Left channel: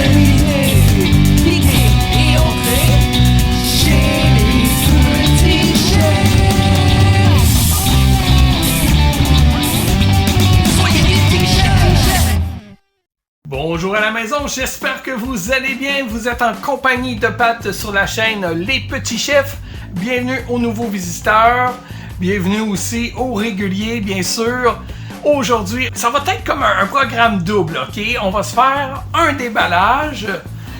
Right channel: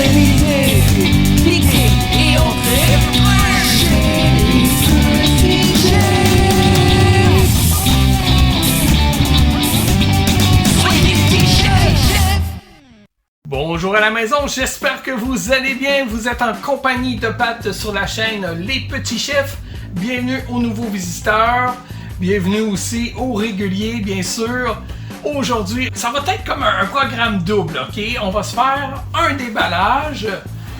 terminé. Cliquez et entrez chez les petits chefs. Soyez les petits chefs. Bonjour à la maison, j'espère que vous allez bien. Vous êtes en compagnie de Pat sur la chaîne Les Petits Chefs. Bienvenue aux nouveaux visiteurs. Bienvenue aussi aux réguliers, bien sûr. Aujourd'hui, ça va être comme un programme double, ok? On va se faire un déballage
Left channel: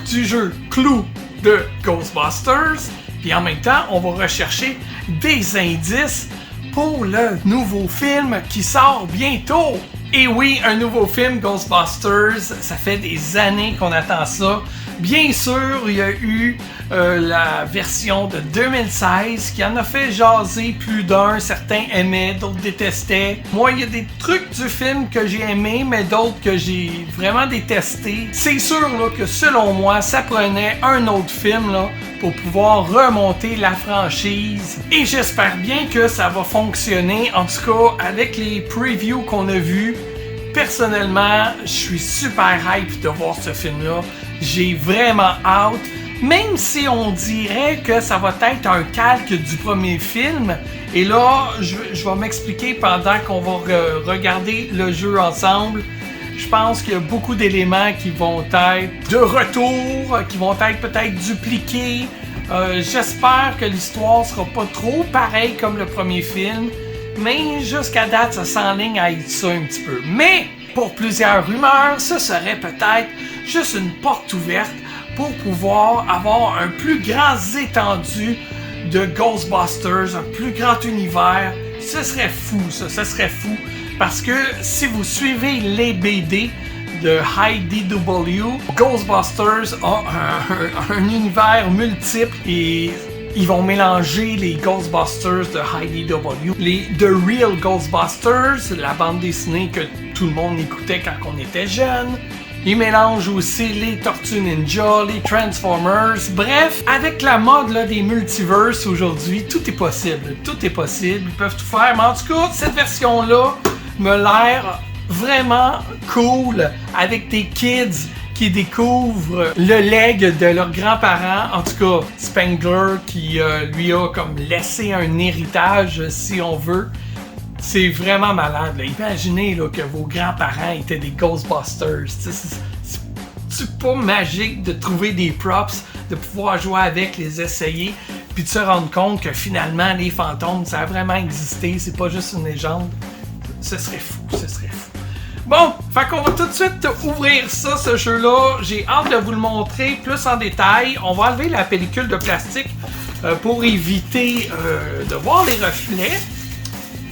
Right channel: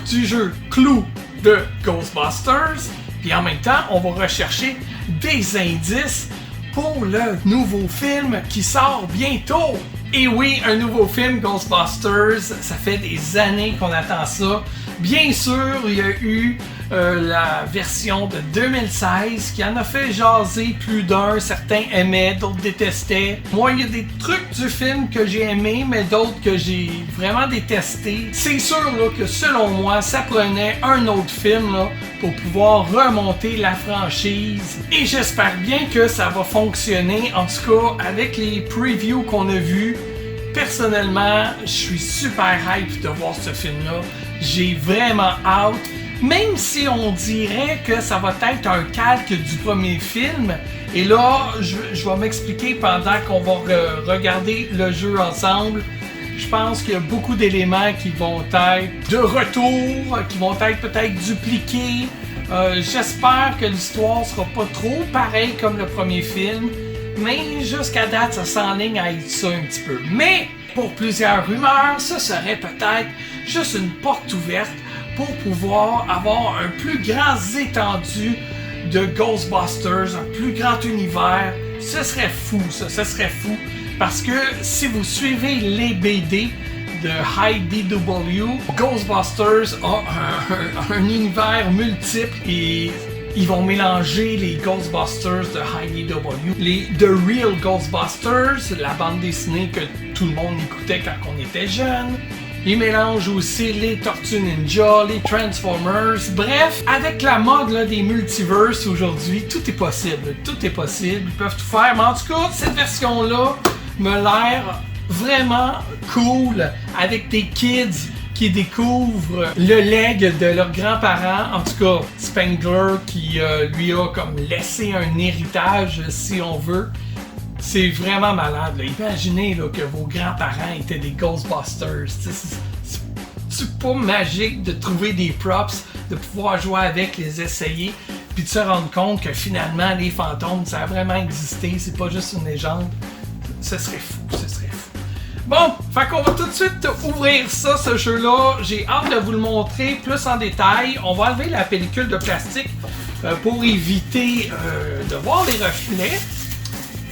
du jeu Clue de Ghostbusters. Puis en même temps, on va rechercher des indices pour le nouveau film qui sort bientôt. Et oui, un nouveau film Ghostbusters, ça fait des années qu'on attend ça. Bien sûr, il y a eu la version de 2016 qui en a fait jaser plus d'un. Certains aimaient, d'autres détestaient. Moi, il y a des trucs du film que j'ai aimé, mais d'autres que j'ai vraiment détestés. C'est sûr là, que selon moi, ça prenait un autre film là, pour pouvoir remonter la franchise. Et j'espère bien que ça va fonctionner. En tout cas, avec les previews qu'on a vus, personnellement, je suis super hype de voir ce film-là. J'ai vraiment hâte. Même si on dirait que ça va être un calque du premier film. Et là, je vais m'expliquer pendant qu'on va regarder le jeu ensemble. Je pense qu'il y a beaucoup d'éléments qui vont être de retour, qui vont être peut-être dupliqués. J'espère que l'histoire sera pas trop pareille comme le premier film. Mais jusqu'à date, ça s'enligne à être ça un petit peu. Mais pour plusieurs rumeurs, ce serait peut-être juste une porte ouverte pour pouvoir avoir un plus grand étendu de Ghostbusters, un plus grand univers. Ce serait fou, ça serait fou. Parce que si vous suivez les BD de IDW, Ghostbusters a un univers multiple et ils vont mélanger les Ghostbusters de IDW, les The Real Ghostbusters, la bande dessinée que tout le monde écoutait quand on était jeune. Ils mélangent aussi les Tortues Ninja, les Transformers. Bref, avec la mode là, des multiverses aujourd'hui, tout est possible. Tout est possible, ils peuvent tout faire. Mais en tout cas, cette version-là me l'air vraiment cool avec des kids qui découvrent le leg de leurs grands-parents. En tout cas, Spengler qui lui a comme laissé un héritage, si on veut. C'est vraiment malade. Là. Imaginez là, que vos grands-parents étaient des Ghostbusters. C'est pas magique de trouver des props, de pouvoir jouer avec, les essayer, puis de se rendre compte que finalement, les fantômes, ça a vraiment existé. C'est pas juste une légende. Ce serait fou, ce serait fou. Bon, fait qu'on va tout de suite ouvrir ça, ce jeu-là. J'ai hâte de vous le montrer plus en détail. On va enlever la pellicule de plastique pour éviter de voir les reflets.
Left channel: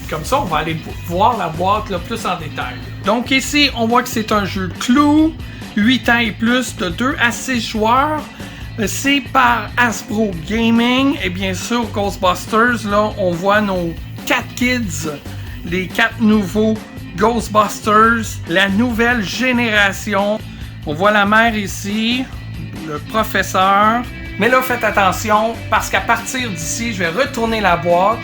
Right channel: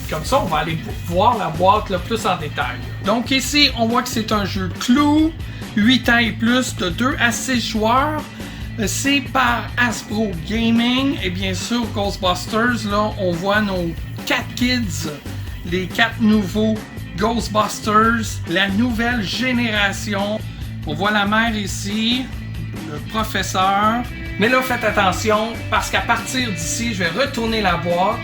Comme ça, on va aller voir la boîte là, plus en détail. Donc ici, on voit que c'est un jeu Clue, 8 ans et plus, de 2 à 6 joueurs. C'est par Hasbro Gaming. Et bien sûr, Ghostbusters, là, on voit nos 4 kids, les 4 nouveaux Ghostbusters, la nouvelle génération. On voit la mère ici, le professeur. Mais là, faites attention, parce qu'à partir d'ici, je vais retourner la boîte.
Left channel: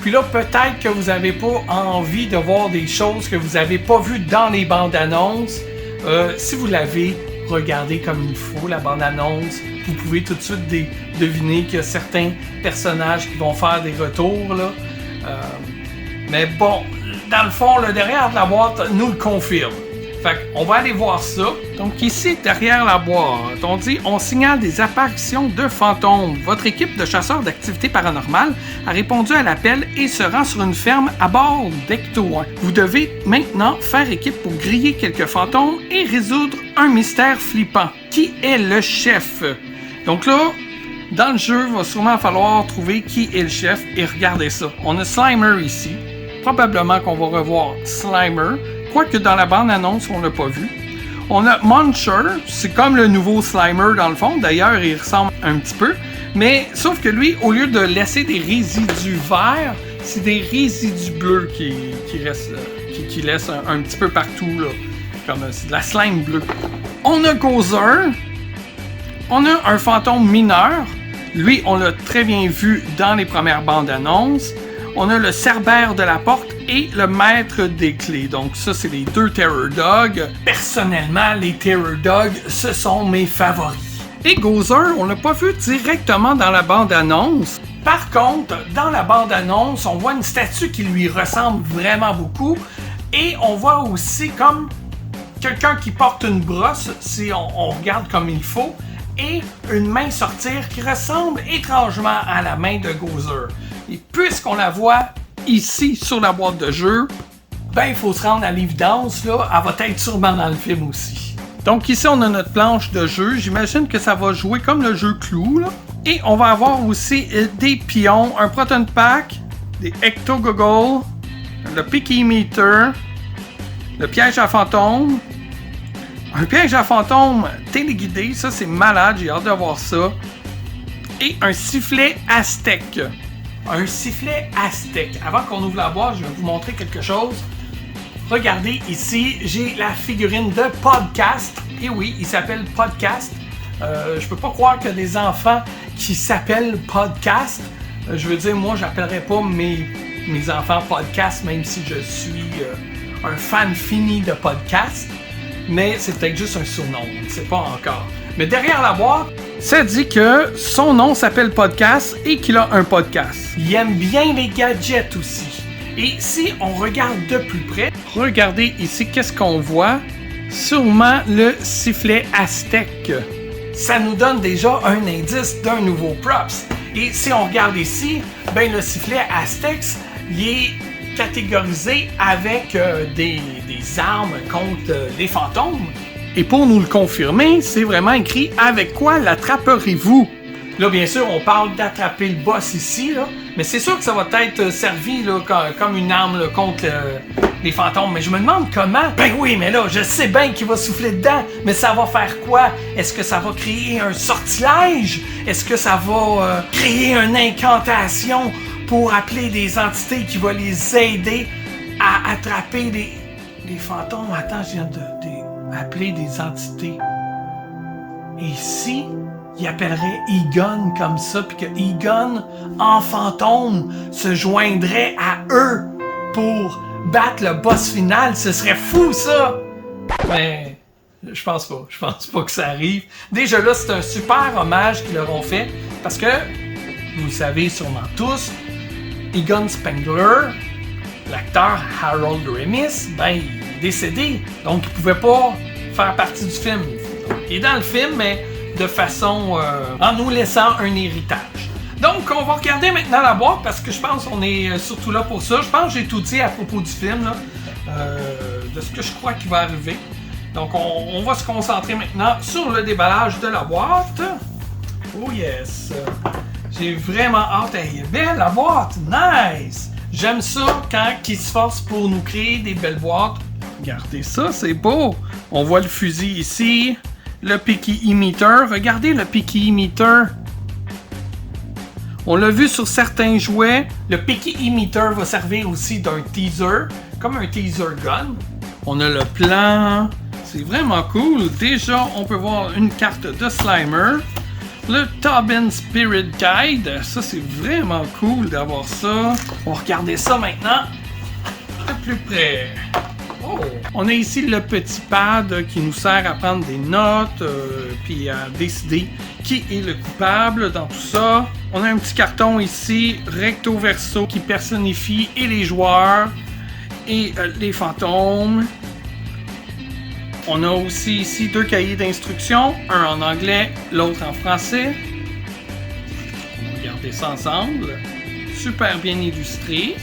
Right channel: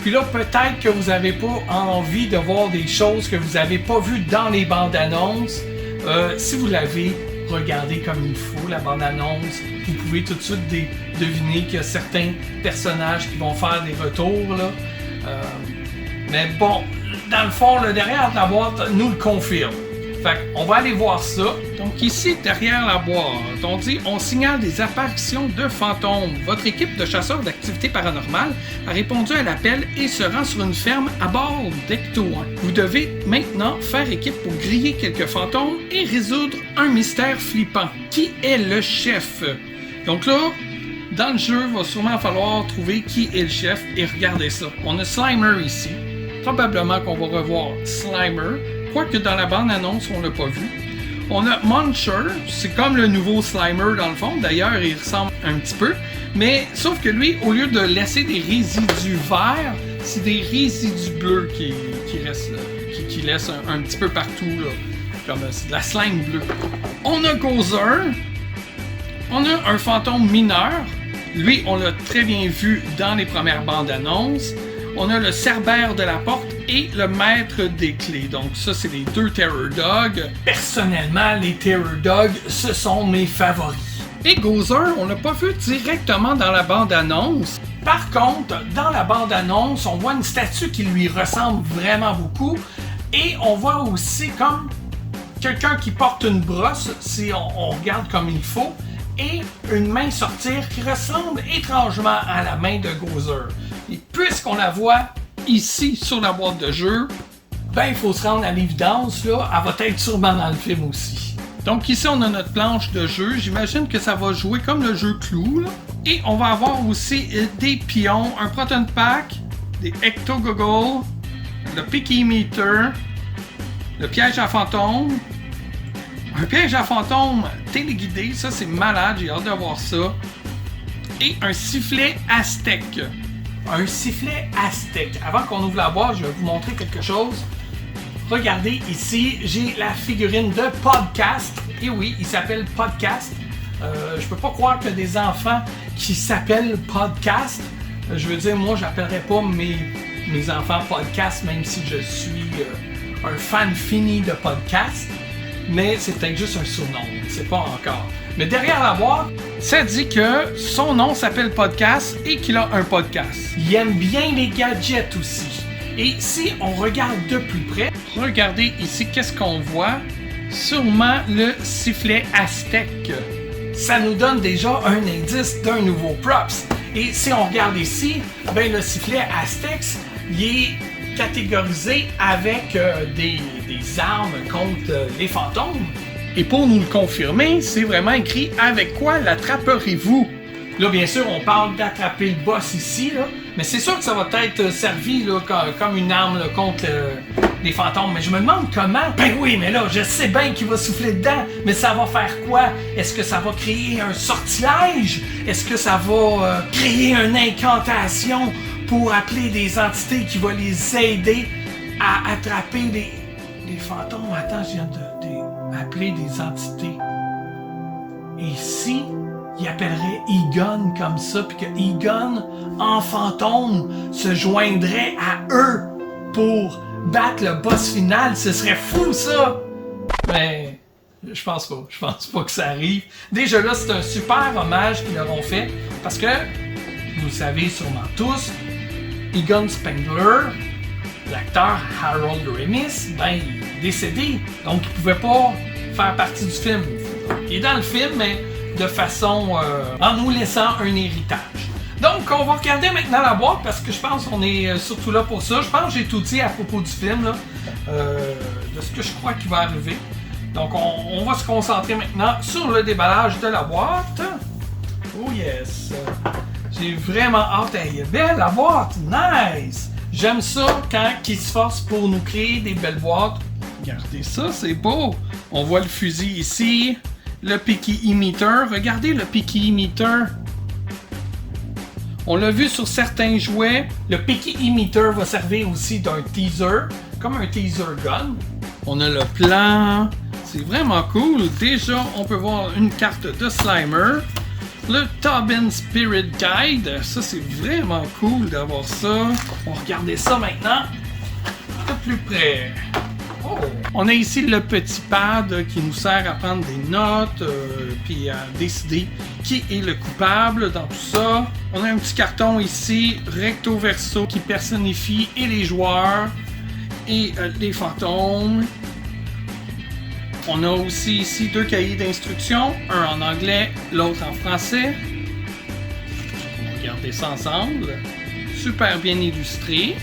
Puis là, peut-être que vous n'avez pas envie de voir des choses que vous n'avez pas vues dans les bandes annonces. Si vous l'avez regardé comme il faut, la bande annonce, vous pouvez tout de suite deviner qu'il y a certains personnages qui vont faire des retours. Là. Mais bon, dans le fond, le derrière de la boîte nous le confirme. Fait qu'on va aller voir ça. Donc ici, derrière la boîte, on signale des apparitions de fantômes. Votre équipe de chasseurs d'activités paranormales a répondu à l'appel et se rend sur une ferme à bord d'Ecto-1. Vous devez maintenant faire équipe pour griller quelques fantômes et résoudre un mystère flippant. Qui est le chef? Donc là, dans le jeu, il va sûrement falloir trouver qui est le chef et regardez ça. On a Slimer ici. Probablement qu'on va revoir Slimer. Quoique dans la bande-annonce, on l'a pas vu. On a Muncher, c'est comme le nouveau Slimer dans le fond. D'ailleurs, il ressemble un petit peu. Mais sauf que lui, au lieu de laisser des résidus verts, c'est des résidus bleus qui restent là. Qui laissent un petit peu partout, là. Comme c'est de la slime bleue. On a Gozer. On a un fantôme mineur. Lui, on l'a très bien vu dans les premières bandes annonces. On a le Cerbère de la porte et le maître des clés. Donc ça, c'est les 2 Terror Dogs. Personnellement, les Terror Dogs, ce sont mes favoris. Et Gozer, on l'a pas vu directement dans la bande-annonce. Par contre, dans la bande-annonce, on voit une statue qui lui ressemble vraiment beaucoup. Et on voit aussi comme quelqu'un qui porte une brosse, si on regarde comme il faut, et une main sortir qui ressemble étrangement à la main de Gozer. Et puisqu'on la voit ici sur la boîte de jeu, ben il faut se rendre à l'évidence, là, elle va être sûrement dans le film aussi. Donc ici on a notre planche de jeu, j'imagine que ça va jouer comme le jeu Clou, là. Et on va avoir aussi des pions, un proton pack, des ecto-goggles, le picky meter, le piège à fantôme, un piège à fantôme téléguidé, ça c'est malade, j'ai hâte de voir ça, et un sifflet aztèque. Un sifflet aztèque. Avant qu'on ouvre la boîte, je vais vous montrer quelque chose. Regardez ici, j'ai la figurine de Podcast. Et oui, il s'appelle Podcast. Je peux pas croire qu'il y a des enfants qui s'appellent Podcast. Je veux dire, moi, j'appellerais pas mes enfants Podcast, même si je suis un fan fini de Podcast. Mais c'est peut-être juste un surnom, je ne sais pas encore. Mais derrière la boîte, ça dit que son nom s'appelle Podcast et qu'il a un podcast. Il aime bien les gadgets aussi. Et si on regarde de plus près, regardez ici, qu'est-ce qu'on voit? Sûrement le sifflet aztèque. Ça nous donne déjà un indice d'un nouveau props. Et si on regarde ici, ben le sifflet aztèque, il est catégorisé avec des armes contre les fantômes. Et pour nous le confirmer, c'est vraiment écrit « Avec quoi l'attraperez-vous » Là, bien sûr, on parle d'attraper le boss ici, là, mais c'est sûr que ça va être servi là, comme une arme là, contre les fantômes. Mais je me demande comment. Ben oui, mais là, je sais bien qu'il va souffler dedans, mais ça va faire quoi? Est-ce que ça va créer un sortilège? Est-ce que ça va créer une incantation pour appeler des entités qui vont les aider à attraper les fantômes? Attends, je viens d'appeler des entités. Et si il appellerait Egon comme ça, puis que Egon, en fantôme, se joindrait à eux pour battre le boss final, ce serait fou, ça! Mais je pense pas que ça arrive. Déjà là, c'est un super hommage qu'ils leur ont fait, parce que, vous le savez sûrement tous, Egon Spengler, l'acteur Harold Ramis, ben, il est décédé, donc il pouvait pas faire partie du film. Il est dans le film, mais de façon en nous laissant un héritage. Donc, on va regarder maintenant la boîte parce que je pense qu'on est surtout là pour ça. Je pense que j'ai tout dit à propos du film, là, de ce que je crois qui va arriver. Donc, on va se concentrer maintenant sur le déballage de la boîte. Oh yes! J'ai vraiment hâte. Elle est belle, la boîte! Nice! J'aime ça quand ils se forcent pour nous créer des belles boîtes. Regardez ça, c'est beau! On voit le fusil ici. Le picky emitter. Regardez le picky emitter. On l'a vu sur certains jouets. Le picky emitter va servir aussi d'un teaser, comme un teaser gun. On a le plan. C'est vraiment cool. Déjà, on peut voir une carte de Slimer. Le Tobin Spirit Guide. Ça, c'est vraiment cool d'avoir ça. On va regarder ça maintenant de plus près. Oh. On a ici le petit pad qui nous sert à prendre des notes puis à décider qui est le coupable dans tout ça. On a un petit carton ici, recto verso, qui personnifie et les joueurs et les fantômes. On a aussi ici 2 cahiers d'instructions, un en anglais, l'autre en français. On va regarder ça ensemble. Super bien illustré.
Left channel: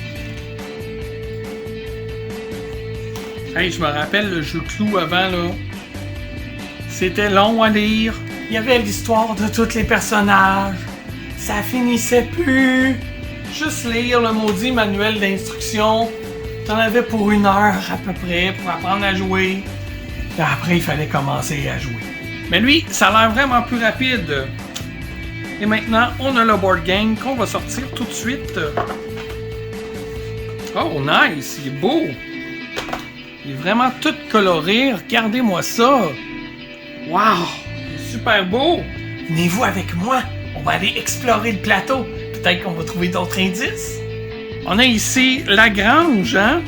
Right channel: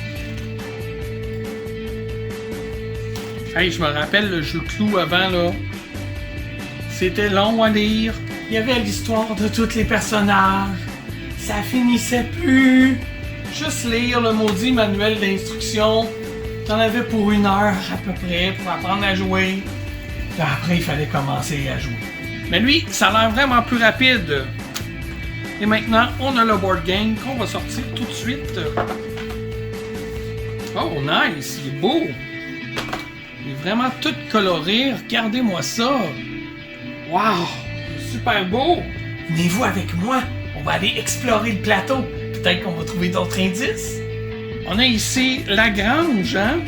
Hey, je me rappelle le jeu Clou avant, là. C'était long à lire. Il y avait l'histoire de tous les personnages. Ça finissait plus. Juste lire le maudit manuel d'instruction. T'en avais pour 1 heure à peu près pour apprendre à jouer. Puis après, il fallait commencer à jouer. Mais lui, ça a l'air vraiment plus rapide. Et maintenant, on a le board game qu'on va sortir tout de suite. Oh, nice! Il est beau! Il est vraiment tout coloré. Regardez-moi ça! Wow! Super beau! Venez-vous avec moi? On va aller explorer le plateau. Peut-être qu'on va trouver d'autres indices. On a ici la grange, hein?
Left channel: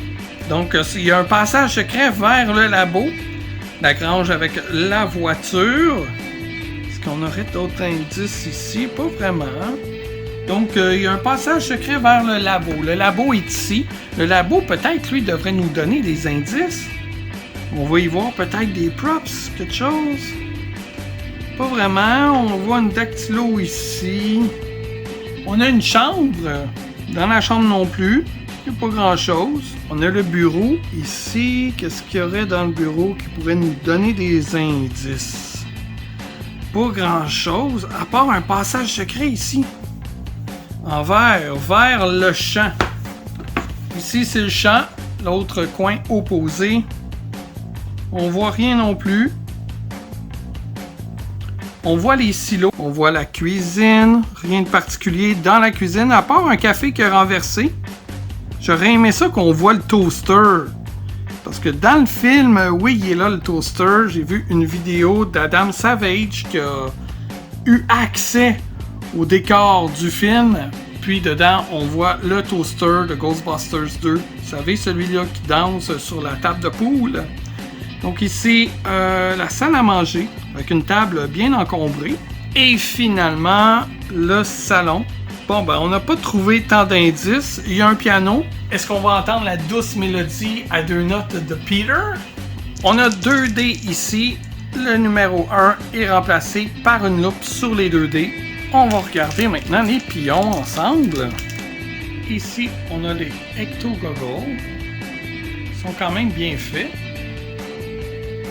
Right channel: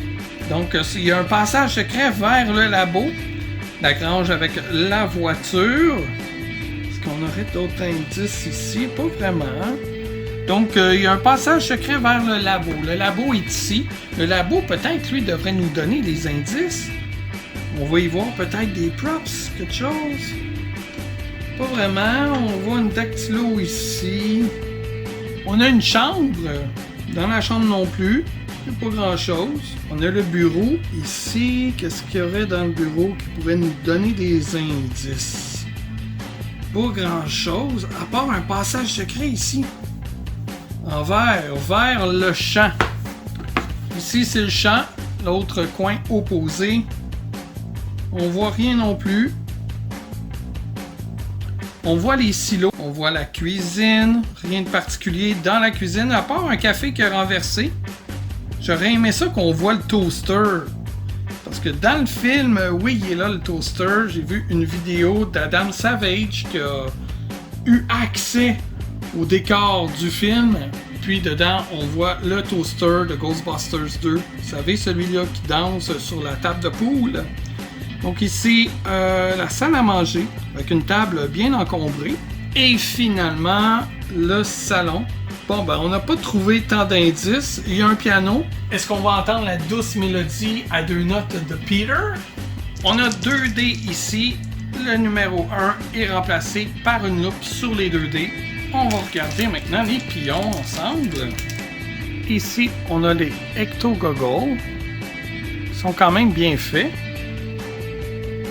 Donc, il y a un passage secret vers le labo. La grange avec la voiture. Est-ce qu'on aurait d'autres indices ici? Pas vraiment. Donc, il y a un passage secret vers le labo. Le labo est ici. Le labo, peut-être, lui, devrait nous donner des indices. On va y voir peut-être des props, quelque chose. Pas vraiment. On voit une dactylo ici. On a une chambre. Dans la chambre non plus. Il n'y a pas grand-chose. On a le bureau. Ici, qu'est-ce qu'il y aurait dans le bureau qui pourrait nous donner des indices? Pas grand-chose, à part un passage secret ici. En vert, vers le champ. Ici, c'est le champ. L'autre coin opposé. On voit rien non plus. On voit les silos. On voit la cuisine. Rien de particulier dans la cuisine, à part un café qui est renversé. J'aurais aimé ça qu'on voit le toaster. Parce que dans le film, oui, il est là le toaster. J'ai vu une vidéo d'Adam Savage qui a eu accès au décor du film. Puis dedans, on voit le toaster de Ghostbusters 2. Vous savez, celui-là qui danse sur la table de poule. Donc ici, la salle à manger, avec une table bien encombrée. Et finalement, le salon. Bon, ben, on n'a pas trouvé tant d'indices. Il y a un piano. Est-ce qu'on va entendre la douce mélodie à 2 notes de Peter? On a 2 dés ici. Le numéro 1 est remplacé par une loupe sur les 2 dés. On va regarder maintenant les pions ensemble. Ici, on a les ecto-goggles. Ils sont quand même bien faits.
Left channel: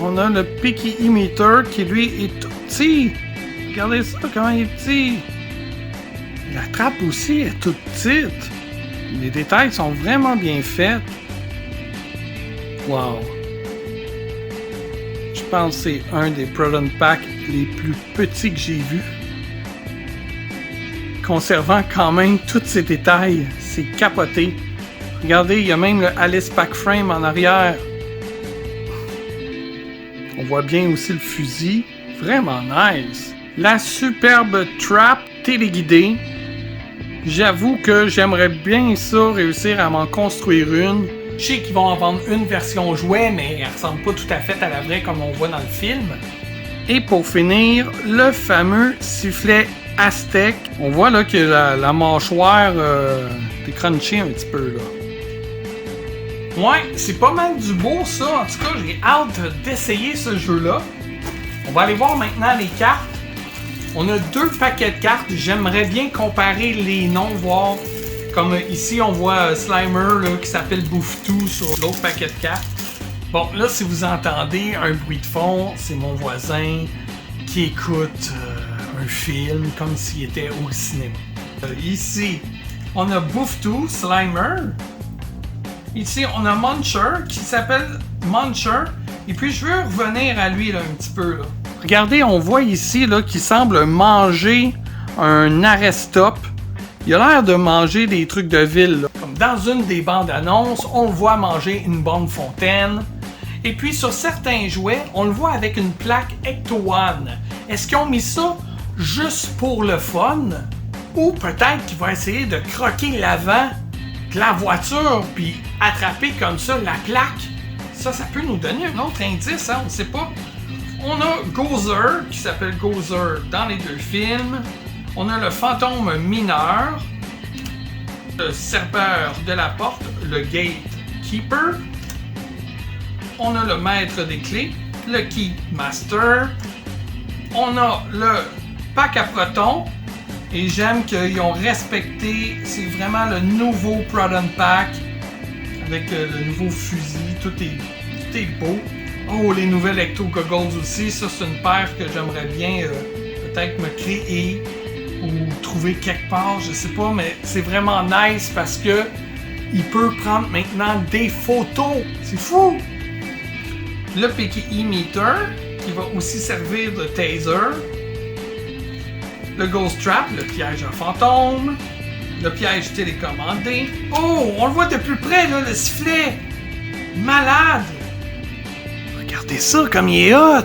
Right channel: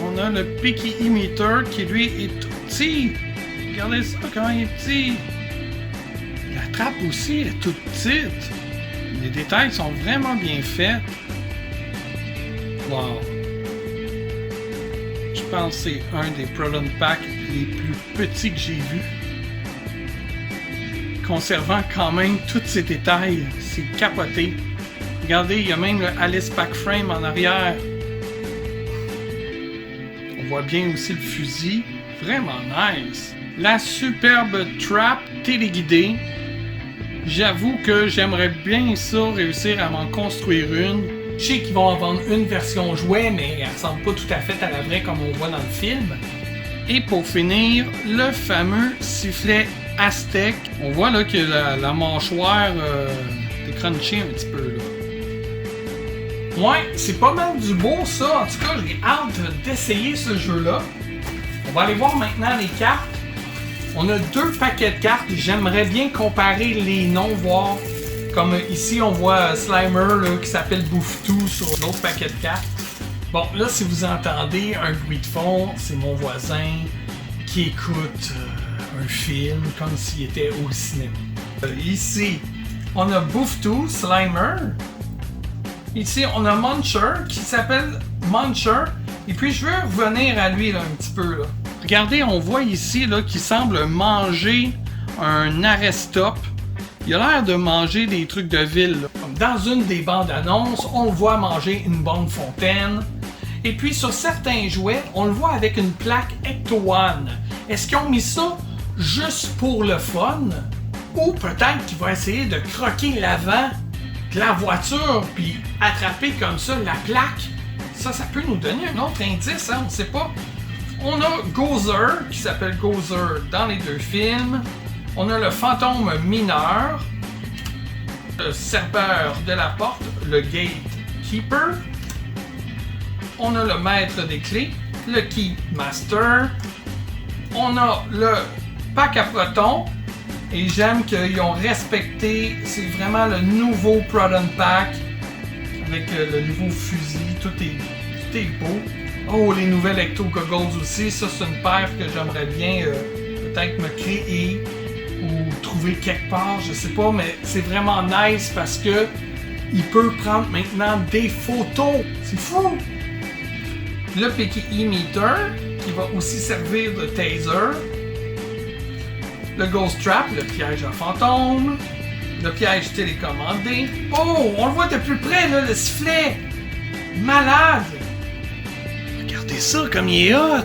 On a le Picky Emitter qui, lui, est tout petit. Regardez ça, comment il est petit. La trappe aussi est toute petite. Les détails sont vraiment bien faits. Wow. Je pense que c'est un des Proton Packs les plus petits que j'ai vus. Conservant quand même tous ces détails. C'est capoté. Regardez, il y a même le Alice Pack Frame en arrière. On voit bien aussi le fusil. Vraiment nice. La superbe trap téléguidée. J'avoue que j'aimerais bien ça, réussir à m'en construire une. Je sais qu'ils vont en vendre une version jouet, mais elle ressemble pas tout à fait à la vraie comme on voit dans le film. Et pour finir, le fameux sifflet Aztec. On voit là que la mâchoire est crunchée un petit peu là. Ouais, c'est pas mal du beau ça. En tout cas, j'ai hâte d'essayer ce jeu-là. On va aller voir maintenant les cartes. On a 2 paquets de cartes. J'aimerais bien comparer les noms, voir. Comme ici, on voit Slimer là, qui s'appelle Bouffe-Tout sur l'autre paquet de cartes. Bon, là, si vous entendez un bruit de fond, c'est mon voisin qui écoute un film comme s'il était au cinéma. Ici, on a Bouffe-Tout, Slimer. Ici, on a Muncher qui s'appelle Muncher. Et puis, je veux revenir à lui là, un petit peu. Là. Regardez, on voit ici là, qu'il semble manger un arrêt-stop. Il a l'air de manger des trucs de ville. Là. Dans une des bandes annonces, on le voit manger une bonne fontaine. Et puis, sur certains jouets, on le voit avec une plaque Ecto-One. Est-ce qu'ils ont mis ça juste pour le fun? Ou peut-être qu'il va essayer de croquer l'avant de la voiture puis attraper comme ça la plaque. Ça peut nous donner un autre indice, hein? On ne sait pas. On a Gozer, qui s'appelle Gozer dans les 2 films. On a le fantôme mineur, le serveur de la porte, le gatekeeper. On a le maître des clés, le key master. On a le pack à protons. Et j'aime qu'ils ont respecté, c'est vraiment le nouveau Proton Pack avec le nouveau fusil, tout est beau. Oh, les nouvelles ecto-goggles aussi, ça c'est une paire que j'aimerais bien peut-être me créer ou trouver quelque part, je sais pas, mais c'est vraiment nice parce que il peut prendre maintenant des photos, c'est fou! Le Picky Emitter qui va aussi servir de taser. Le Ghost Trap, le piège à fantôme, le piège télécommandé. Oh, on le voit de plus près, là, le sifflet. Malade. Regardez ça, comme il est hot.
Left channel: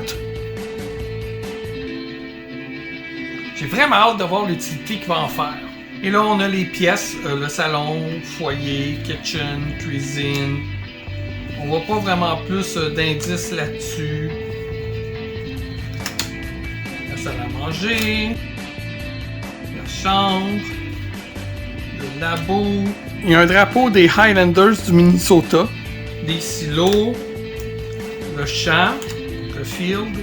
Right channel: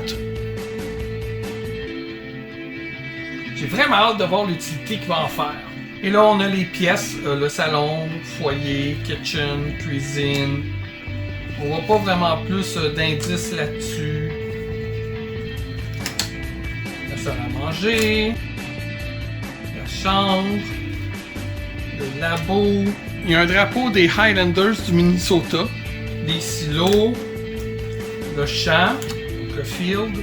J'ai vraiment hâte de voir l'utilité qu'il va en faire. Et là, on a les pièces, le salon, foyer, kitchen, cuisine. On voit pas vraiment plus d'indices là-dessus. La salle à manger, la chambre, le labo. Il y a un drapeau des Highlanders du Minnesota, des silos, le champ, le field,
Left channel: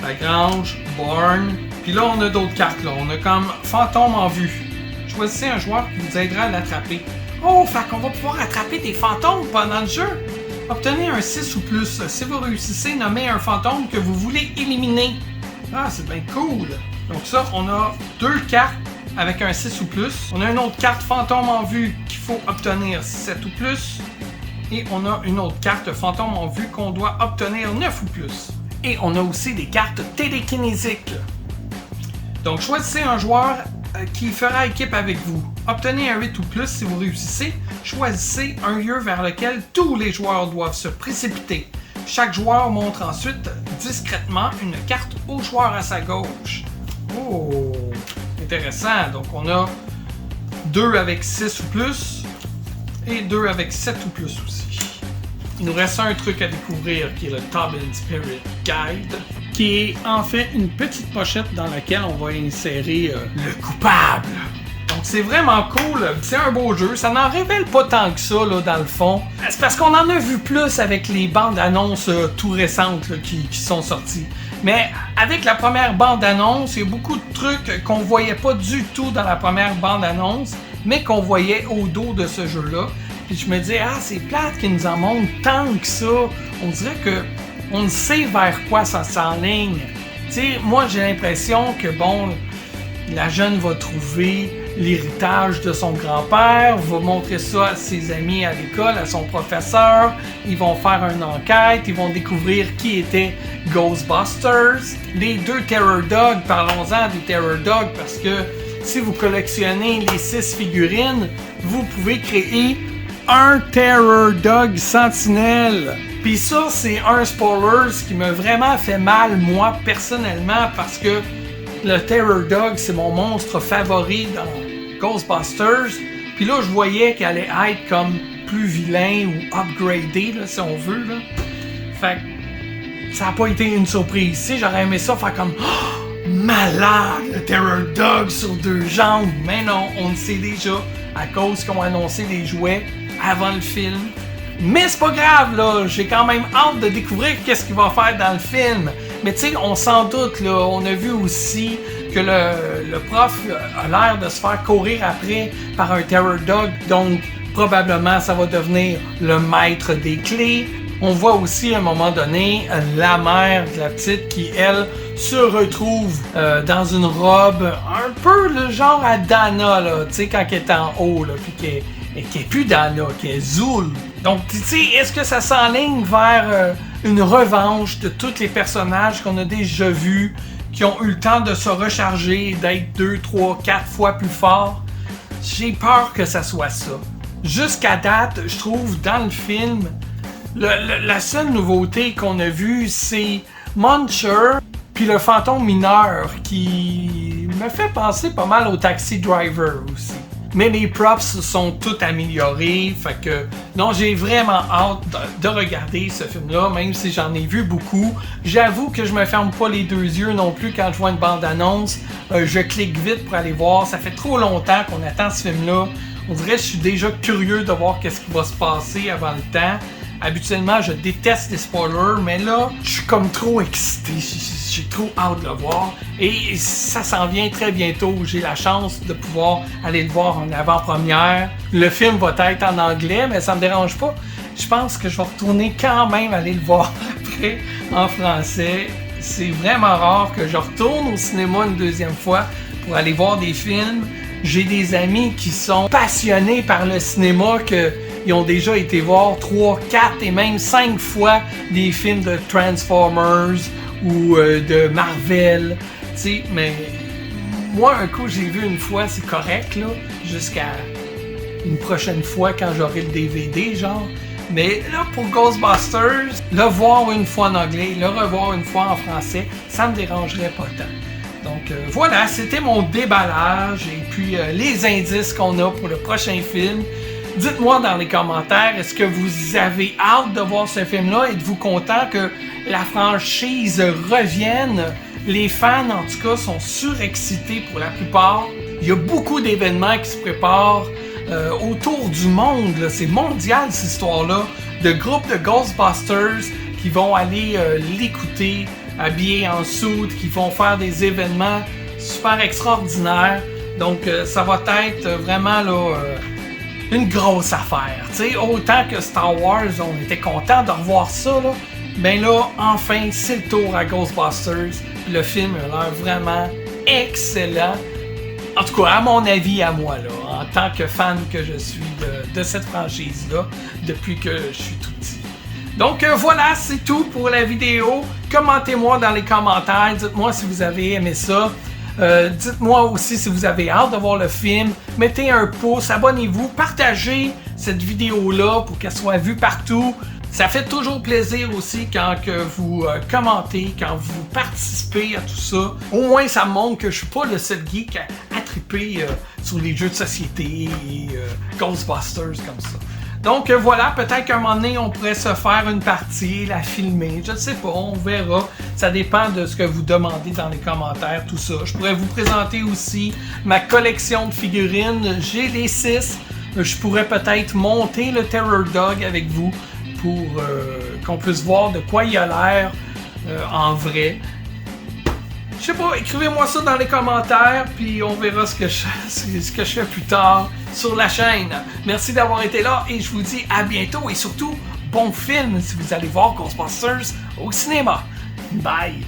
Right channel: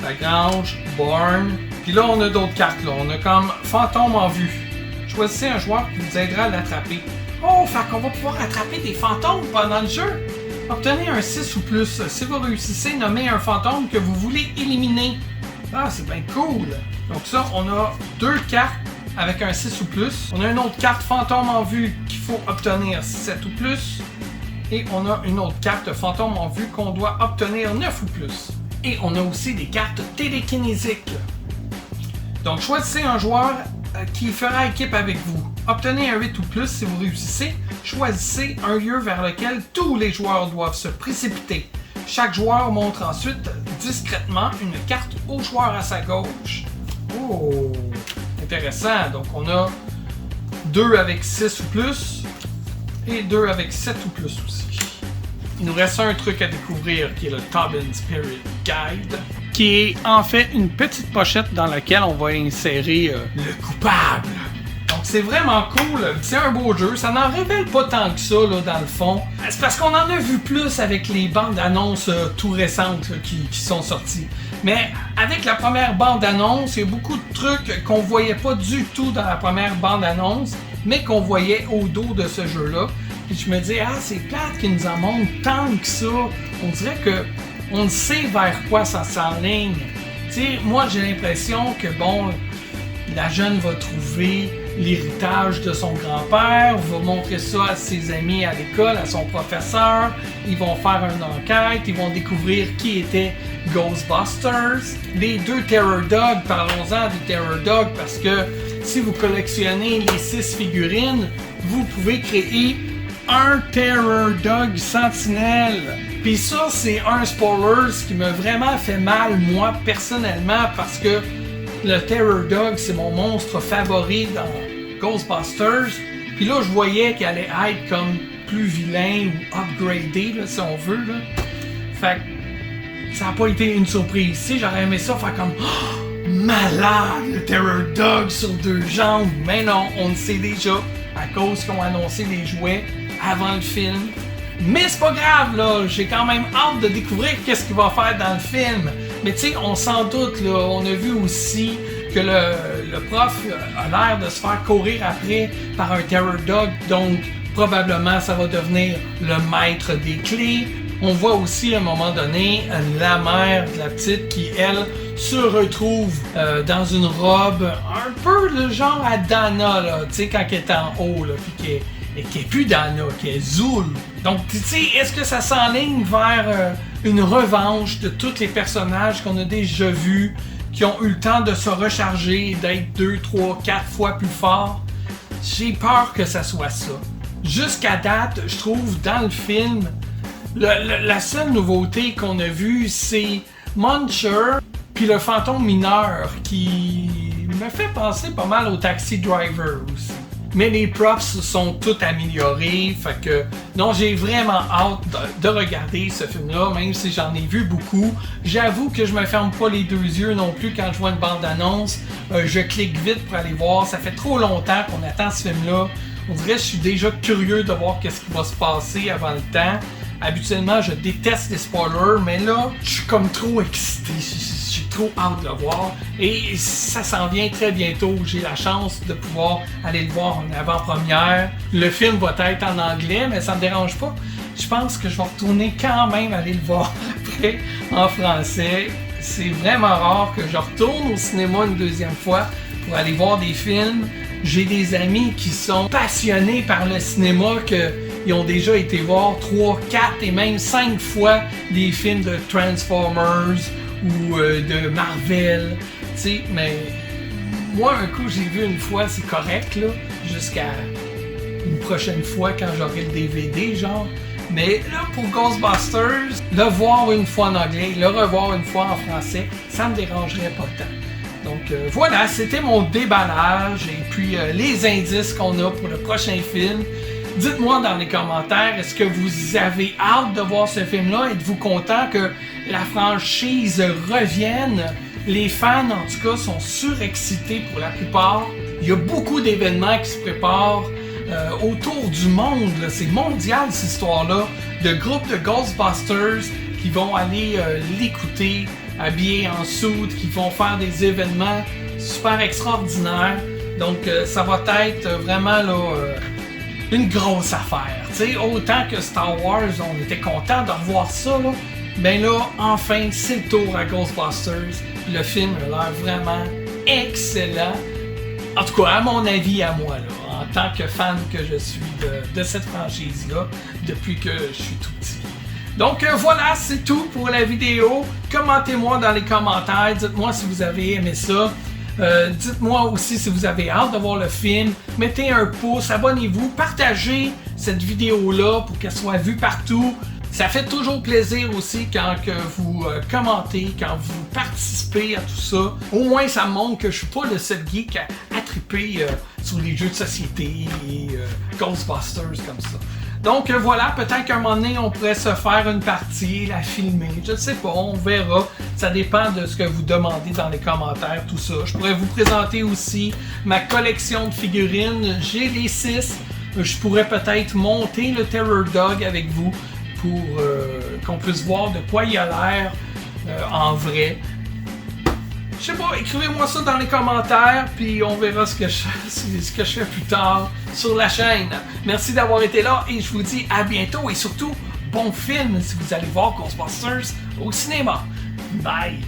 la grange, barn. Puis là, on a d'autres cartes. Là. On a comme fantôme en vue. Choisissez un joueur qui vous aidera à l'attraper. Oh, fait qu'on va pouvoir attraper des fantômes pendant le jeu. Obtenez un 6 ou plus. Si vous réussissez, nommez un fantôme que vous voulez éliminer. Ah, c'est bien cool. Donc ça, on a 2 cartes avec un 6 ou plus. On a une autre carte fantôme en vue qu'il faut obtenir 7 ou plus. Et on a une autre carte fantôme en vue qu'on doit obtenir 9 ou plus. Et on a aussi des cartes télékinésiques. Donc choisissez un joueur qui fera équipe avec vous. Obtenez un 8 ou plus si vous réussissez. Choisissez un lieu vers lequel tous les joueurs doivent se précipiter. Chaque joueur montre ensuite discrètement une carte au joueur à sa gauche. Oh, intéressant. Donc on a 2 avec 6 ou plus et 2 avec 7 ou plus aussi. Il nous reste un truc à découvrir qui est le Tobin Spirit Guide, qui est en fait une petite pochette dans laquelle on va insérer le coupable. Donc c'est vraiment cool, c'est un beau jeu, ça n'en révèle pas tant que ça là, dans le fond. C'est parce qu'on en a vu plus avec les bandes annonces tout récentes là, qui sont sorties. Mais avec la première bande annonce, il y a beaucoup de trucs qu'on voyait pas du tout dans la première bande annonce, mais qu'on voyait au dos de ce jeu-là. Et je me dis, ah, c'est plate qu'ils nous en montrent tant que ça. On dirait que on sait vers quoi ça s'enligne. Tu sais, moi j'ai l'impression que bon, la jeune va trouver l'héritage de son grand-père, va montrer ça à ses amis à l'école, à son professeur. Ils vont faire une enquête, ils vont découvrir qui était Ghostbusters. Les 2 Terror Dogs, parlons-en des Terror Dogs parce que si vous collectionnez les 6 figurines, vous pouvez créer un Terror Dog Sentinelle. Puis ça, c'est un spoiler qui m'a vraiment fait mal, moi, personnellement, parce que le Terror Dog, c'est mon monstre favori dans Ghostbusters. Puis là, je voyais qu'elle allait être comme plus vilain ou upgradé, là, si on veut. Là. Fait que ça n'a pas été une surprise. Si j'aurais aimé ça faire comme malade, le Terror Dog sur 2 jambes. Mais non, on le sait déjà à cause qu'on a annoncé les jouets avant le film. Mais c'est pas grave, là, j'ai quand même hâte de découvrir qu'est-ce qu'il va faire dans le film. Mais tu sais, on s'en doute, là, on a vu aussi que le prof a l'air de se faire courir après par un Terror Dog, donc probablement ça va devenir le maître des clés. On voit aussi à un moment donné la mère de la petite qui, elle, se retrouve dans une robe un peu le genre à Dana, là, tu sais, quand elle est en haut, là, puis qui est plus Dana, qui est Zul. Donc, tu sais, est-ce que ça s'enligne vers une revanche de tous les personnages qu'on a déjà vus, qui ont eu le temps de se recharger, d'être 2, 3, 4 fois plus forts? J'ai peur que ça soit ça. Jusqu'à date, je trouve, dans le film, la seule nouveauté qu'on a vue, c'est Muncher, puis le fantôme mineur, qui me fait penser pas mal au Taxi Driver aussi. Mais les props sont tous améliorés, fait que non, j'ai vraiment hâte de regarder ce film-là, même si j'en ai vu beaucoup. J'avoue que je me ferme pas les 2 yeux non plus quand je vois une bande-annonce. Je clique vite pour aller voir. Ça fait trop longtemps qu'on attend ce film-là. On dirait que je suis déjà curieux de voir qu'est-ce qui va se passer avant le temps. Habituellement, je déteste les spoilers, mais là, je suis comme trop excité. J'ai trop hâte de le voir. Et ça s'en vient très bientôt. J'ai la chance de pouvoir aller le voir en avant-première. Le film va être en anglais, mais ça me dérange pas. Je pense que je vais retourner quand même aller le voir après en français. C'est vraiment rare que je retourne au cinéma une 2e fois pour aller voir des films. J'ai des amis qui sont passionnés par le cinéma, qu'ils ont déjà été voir 3, 4 et même 5 fois des films de Transformers ou de Marvel, tu sais, mais moi, un coup, j'ai vu une fois, c'est correct, là, jusqu'à une prochaine fois quand j'aurai le DVD, genre. Mais là, pour Ghostbusters, le voir une fois en anglais, le revoir une fois en français, ça me dérangerait pas tant. Donc voilà, c'était mon déballage et puis les indices qu'on a pour le prochain film. Dites-moi dans les commentaires, est-ce que vous avez hâte de voir ce film-là? Êtes-vous content que la franchise revienne? Les fans, en tout cas, sont surexcités pour la plupart. Il y a beaucoup d'événements qui se préparent autour du monde. Là. C'est mondial, cette histoire-là, de groupes de Ghostbusters qui vont aller l'écouter habillés en suit, qui vont faire des événements super extraordinaires. Donc, ça va être vraiment là, une grosse affaire. T'sais, autant que Star Wars, on était content de revoir ça. Là. Ben là, enfin, c'est le tour à Ghostbusters. Le film a l'air vraiment excellent. En tout cas, à mon avis, à moi, là, en tant que fan que je suis de cette franchise-là, depuis que je suis tout petit. Donc voilà, c'est tout pour la vidéo. Commentez-moi dans les commentaires, dites-moi si vous avez aimé ça. Dites-moi aussi si vous avez hâte de voir le film. Mettez un pouce, abonnez-vous, partagez cette vidéo-là pour qu'elle soit vue partout. Ça fait toujours plaisir aussi quand que vous commentez, quand vous participez à tout ça. Au moins, ça montre que je suis pas le seul geek à triper sur les jeux de société et Ghostbusters comme ça. Donc voilà, peut-être qu'à un moment donné, on pourrait se faire une partie, la filmer, je ne sais pas, on verra. Ça dépend de ce que vous demandez dans les commentaires, tout ça. Je pourrais vous présenter aussi ma collection de figurines. J'ai les 6. Je pourrais peut-être monter le Terror Dog avec vous pour qu'on puisse voir de quoi il a l'air en vrai. Je sais pas, écrivez-moi ça dans les commentaires, puis on verra ce que je fais plus tard sur la chaîne. Merci d'avoir été là et je vous dis à bientôt et surtout, bon film si vous allez voir Ghostbusters au cinéma. Bye!